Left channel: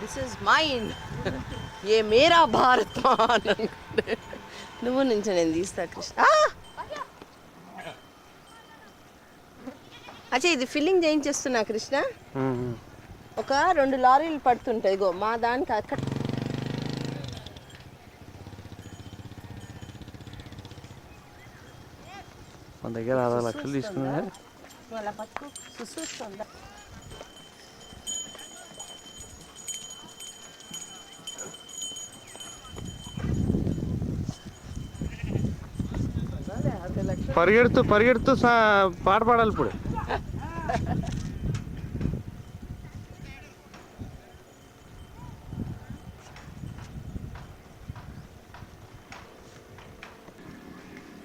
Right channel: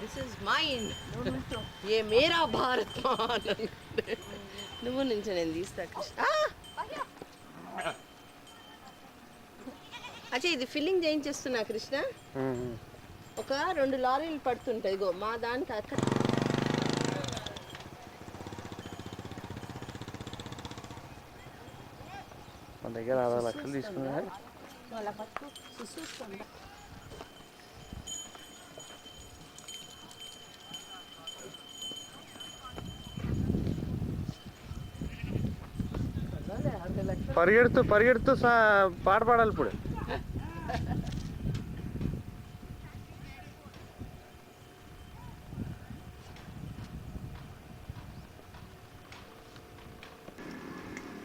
This is mine ఏ మేరా భారత్ నువ్వు నుంచి నేను తీస్తా కృష్ణ. అచ్చా ఇది ఫిల్లింగ్ చేయించేస్తున్నా కృష్ణ. ఒక 2 లారీలు పడుతుంటాయి గో మా దానికి అక్కడ. మన దగ్గర 6 లక్షలు తీసుకున్నా అలా పట్టుకో చూస్తుందా. పరిగెడుతూ పరిగెడుతూ పాట పాడాలి ఇప్పుడు.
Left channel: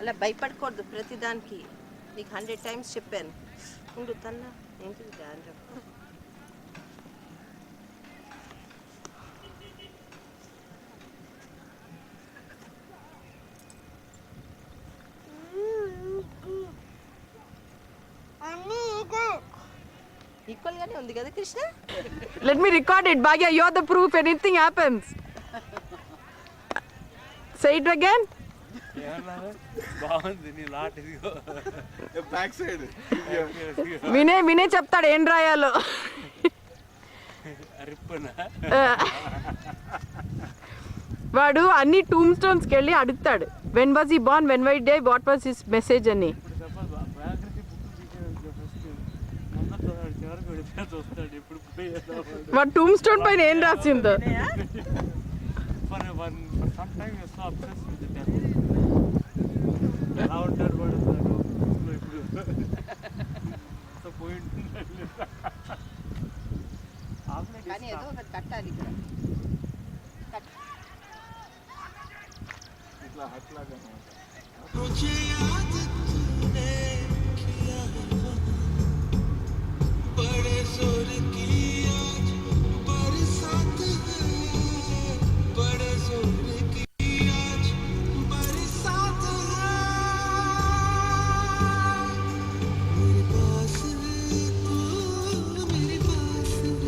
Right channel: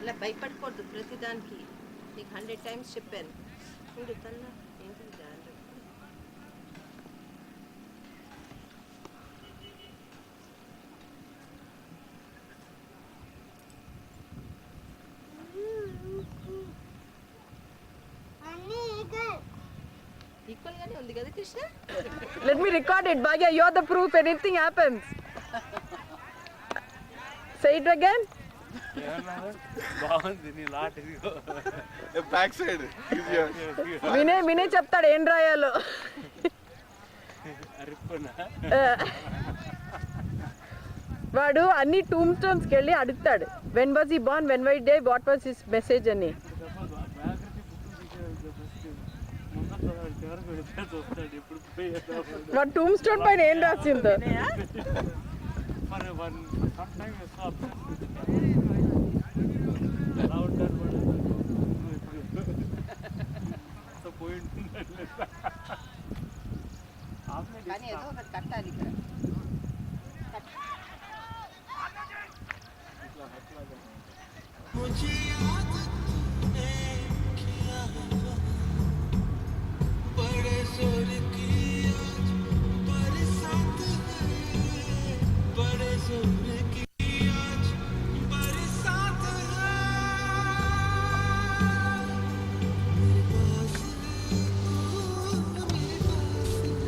అలా భయపడకూడదు ప్రతిదానికి. నీకు 100 times చెప్పాను. తన్నా ఈక్వల్ గానే ఉంది కదా Krishna. Let me record it, Bhagya. You're the proof. Anything happens. Say it again. బాగుంది నీ లాట్. ఇదిగో బ్యాక్ సైడ్ వినే చెప్తాడు ఏం రాయాలో. వాడు అన్ని టూమ్ స్టోన్స్కి వెళ్ళి అడుగుతాడు when was he born, when why day, what was his message అని. వాడు టూమ్ స్టోన్ పైన ఏం రాసిందో. కానీ ఏదో ఒకటి కట్టాలి ఇక్కడ.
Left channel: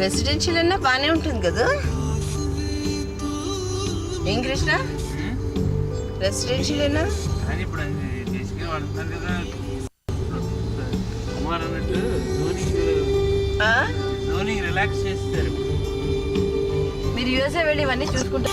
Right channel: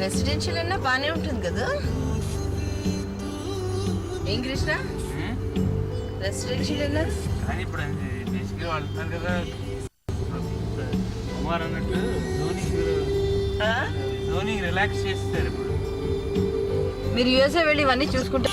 రెసిడెన్షియల్ అన్నా బాగానే ఉంటుంది కదా ఏం కృష్ణ. రెసిడెన్షియల్ అన్నా కానీ ఇప్పుడు దేశంగా వాడుతున్నారు కదా కుమార్ అన్నట్టు. ధోని రిలాక్స్ చేస్తారు ఇప్పుడు. మీరు యూఎస్ఏ వెళ్ళి ఇవన్నీ చూసుకుంటే